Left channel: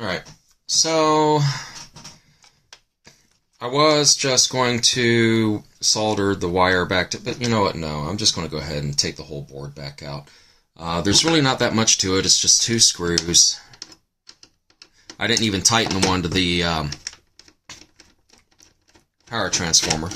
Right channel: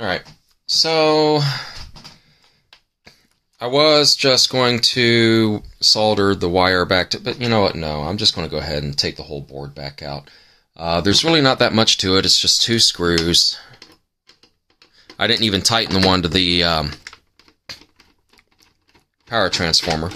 Alright, so I was just going to solder the wire back to, but you know what, no, I'm just going to go ahead and take the whole board back out. There's really not that much to it, it's just 2 screws. I didn't even tighten the one to the power transformer.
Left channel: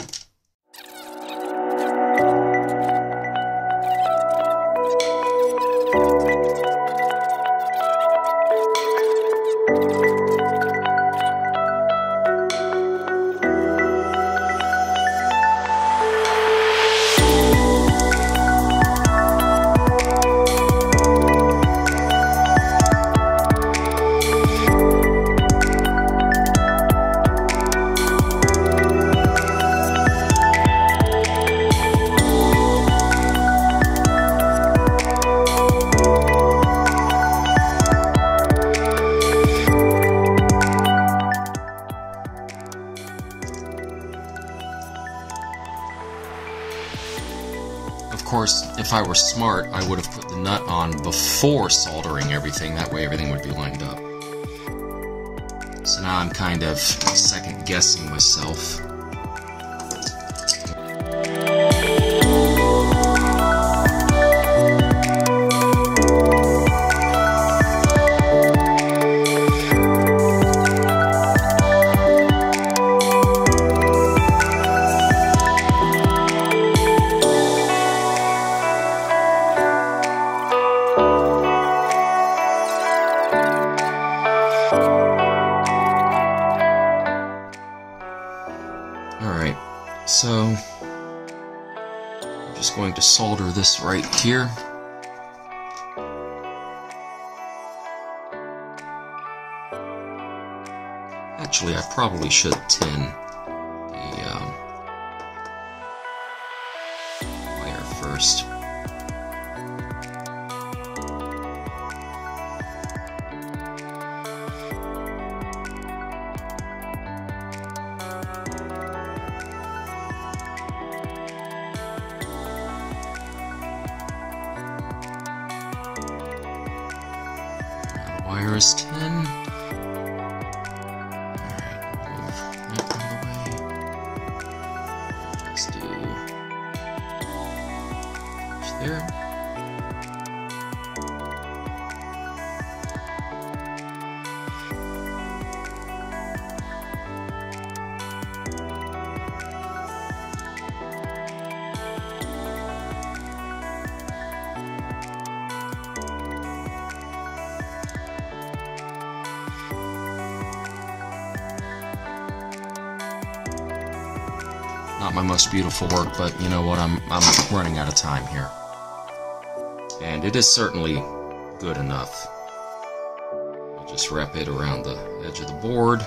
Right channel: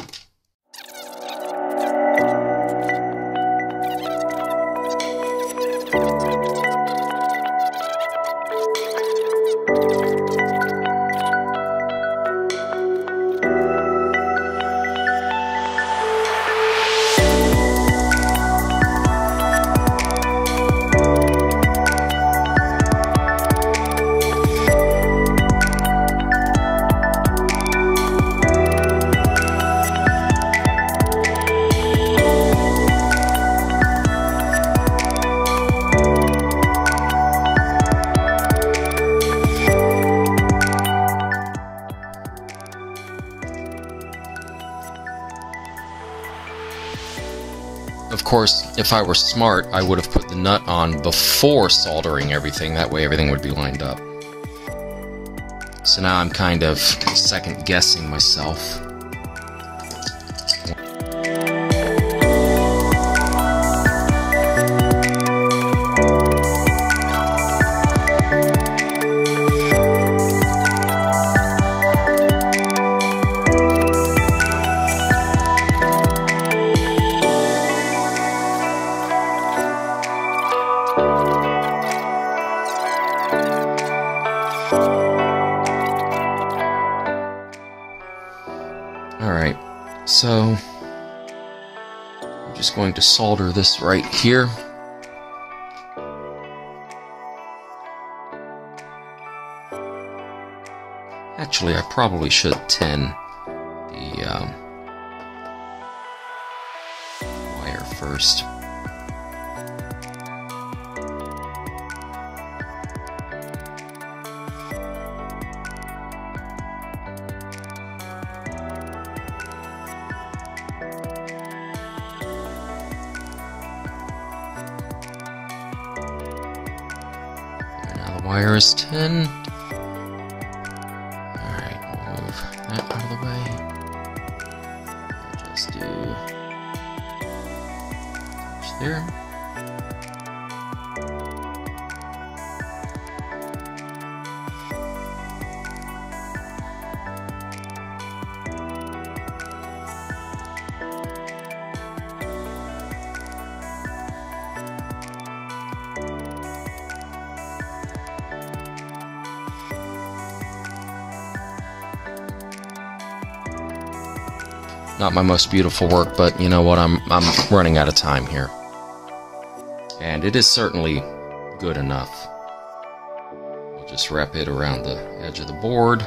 Of course, if I were smart, I would have put the nut on before soldering everything. That way everything would be lined up. So now I'm kind of second-guessing myself. Alright, so I'm just going to solder this right here. Actually, I probably should tin the wire first. Wire is 10. Alright, move that out of the way. Just do there. Not my most beautiful work, but you know what, I'm running out of time here. And it is certainly good enough. I'll just wrap it around the edge of the board.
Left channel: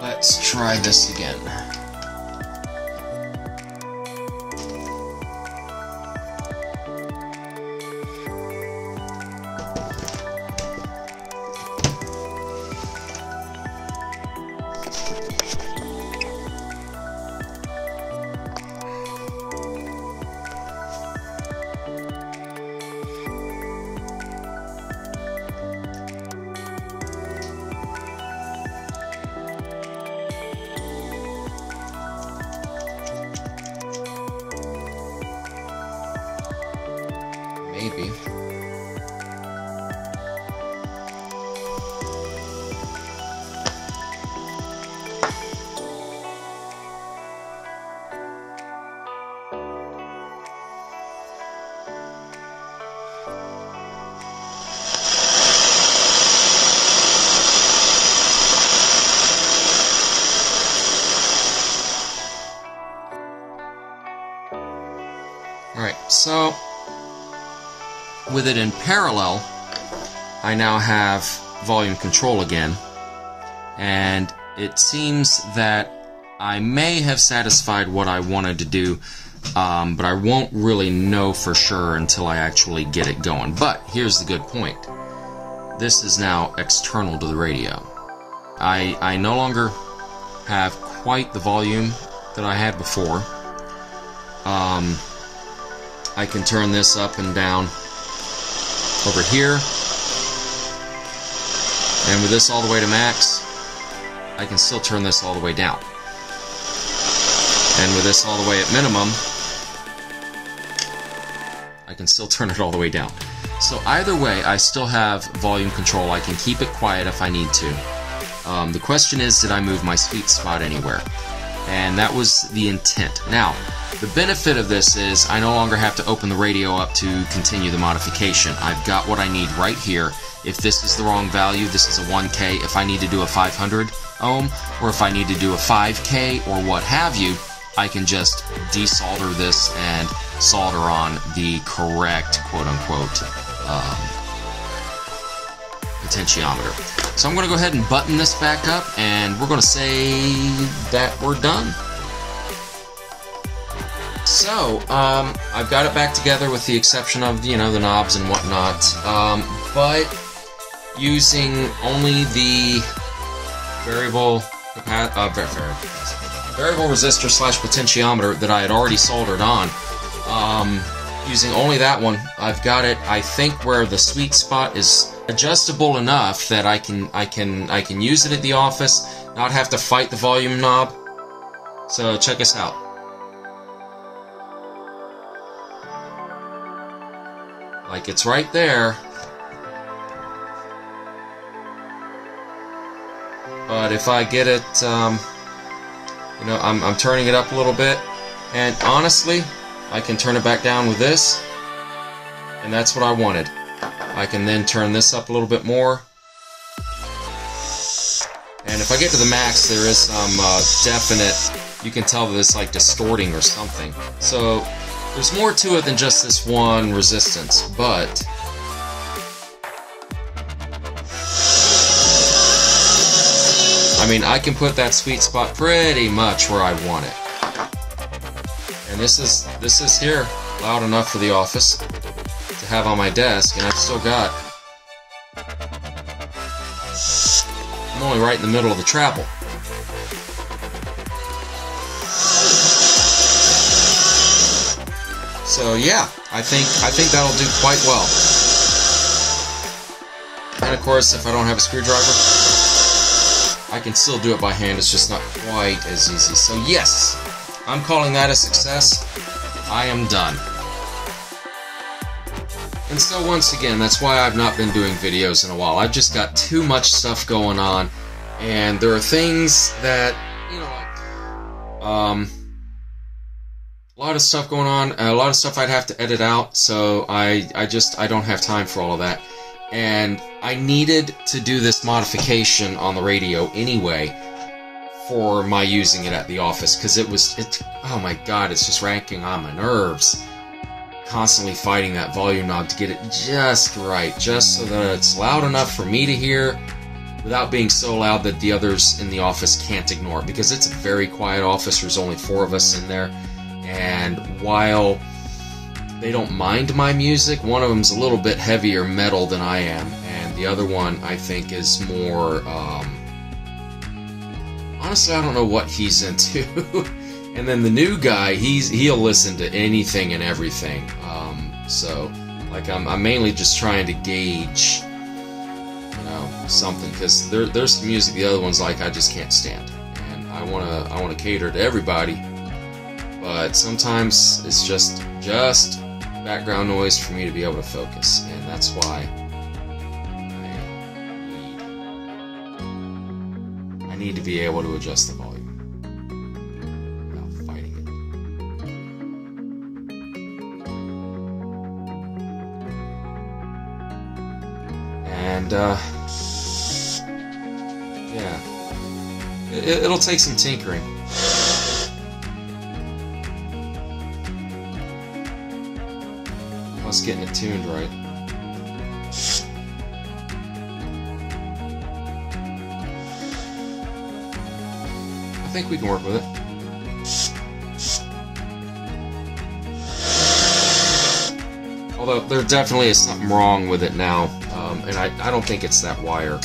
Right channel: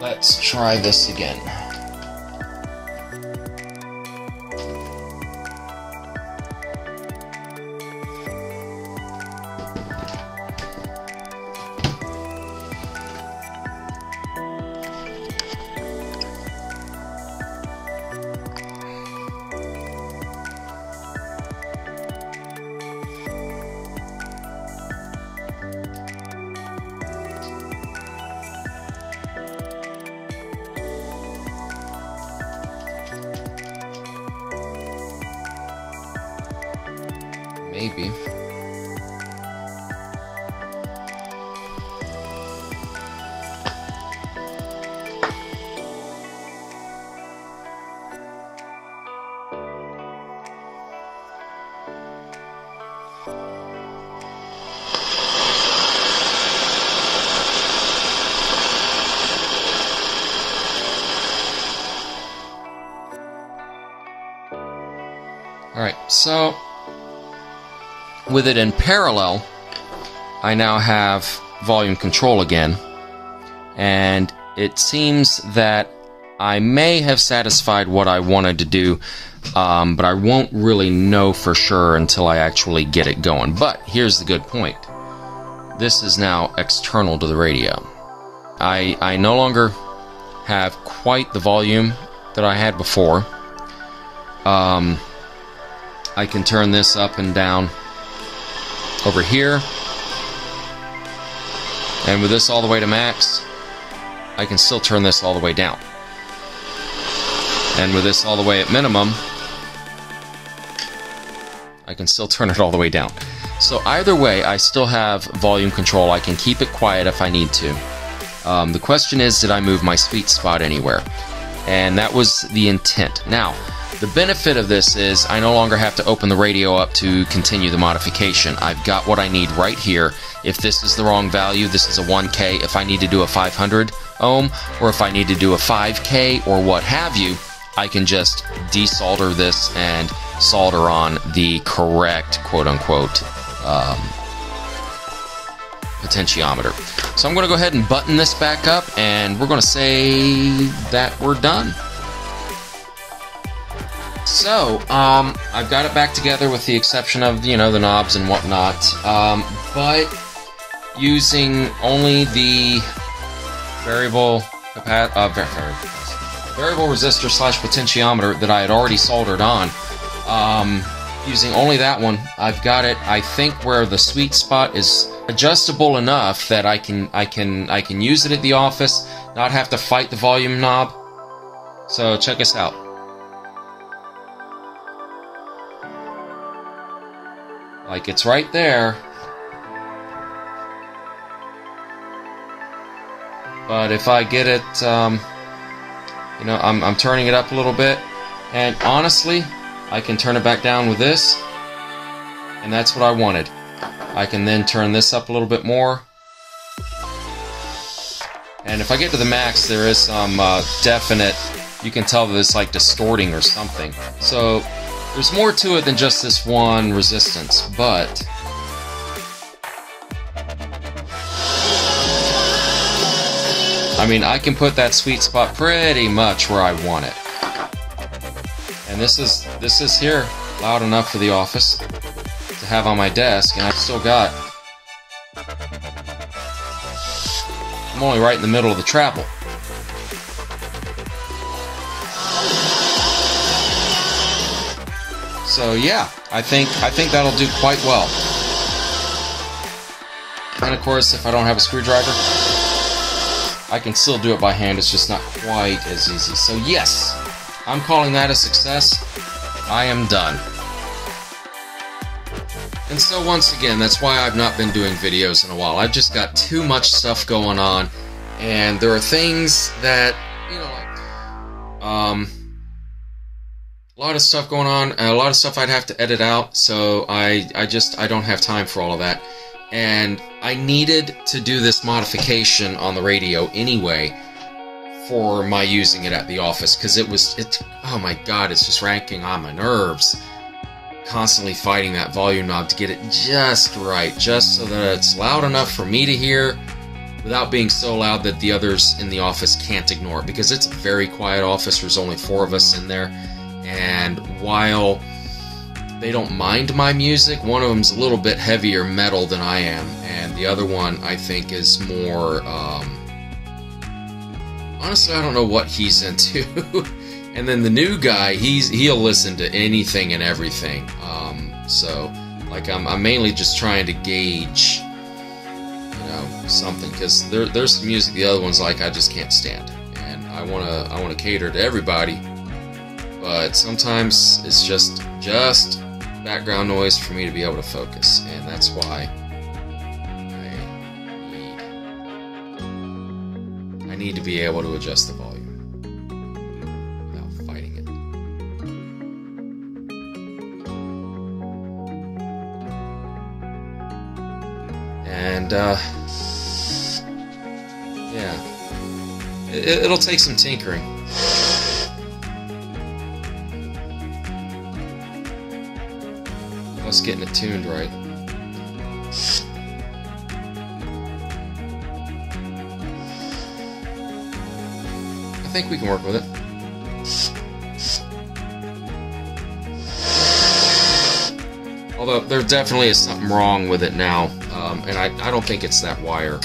Let's try this again. Maybe. Alright, so with it in parallel, I now have volume control again, and it seems that I may have satisfied what I wanted to do, but I won't really know for sure until I actually get it going. But here's the good point. This is now external to the radio. I no longer have quite the volume that I had before. I can turn this up and down over here, and with this all the way to max, I can still turn this all the way down. And with this all the way at minimum, I can still turn it all the way down. So either way, I still have volume control. I can keep it quiet if I need to. The question is, did I move my sweet spot anywhere? And that was the intent. Now, the benefit of this is I no longer have to open the radio up to continue the modification. I've got what I need right here. If this is the wrong value, this is a 1K. If I need to do a 500 ohm, or if I need to do a 5K, or what have you, I can just desolder this and solder on the correct, quote-unquote, potentiometer. So I'm going to go ahead and button this back up, and we're going to say that we're done. So, I've got it back together with the exception of, the knobs and whatnot, but using only the variable resistor / potentiometer that I had already soldered on. Using only that one, I've got it, I think, where the sweet spot is adjustable enough that I can use it at the office, not have to fight the volume knob. So check us out. Like, it's right there. But if I get it, I'm turning it up a little bit, and honestly, I can turn it back down with this, and that's what I wanted. I can then turn this up a little bit more, and if I get to the max, there is some definite, you can tell that it's like distorting or something. So there's more to it than just this one resistance, but I mean, I can put that sweet spot pretty much where I want it. And this is here, loud enough for the office to have on my desk, and I've still got, I'm only right in the middle of the travel. So yeah, I think that'll do quite well. And of course, if I don't have a screwdriver, I can still do it by hand. It's just not quite as easy. So yes, I'm calling that a success. I am done. And so once again, that's why I've not been doing videos in a while. I've just got too much stuff going on, and there are things that, a lot of stuff going on, a lot of stuff I'd have to edit out, so I don't have time for all of that. And I needed to do this modification on the radio anyway for my using it at the office, because oh my god, it's just ranking on my nerves. Constantly fighting that volume knob to get it just right, just so that it's loud enough for me to hear without being so loud that the others in the office can't ignore it, because it's a very quiet office. There's only 4 of us in there, and while they don't mind my music, one of them's a little bit heavier metal than I am, and the other one I think is more, honestly, I don't know what he's into. And then the new guy, he'll listen to anything and everything. So, like, I'm mainly just trying to gauge, something, because there's some music the other one's like I just can't stand, and I wanna cater to everybody, but sometimes it's just background noise for me to be able to focus, and that's why I need to be able to adjust the volume without fighting it. And yeah, it'll take some tinkering. Plus getting it tuned right. I think we can work with it. Although there definitely is something wrong with it now, and I don't think it's that wire.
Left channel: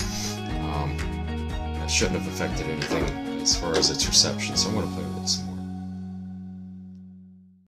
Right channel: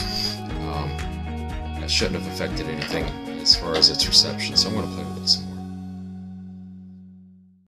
That shouldn't have affected anything as far as its reception, so I'm going to play with it some more.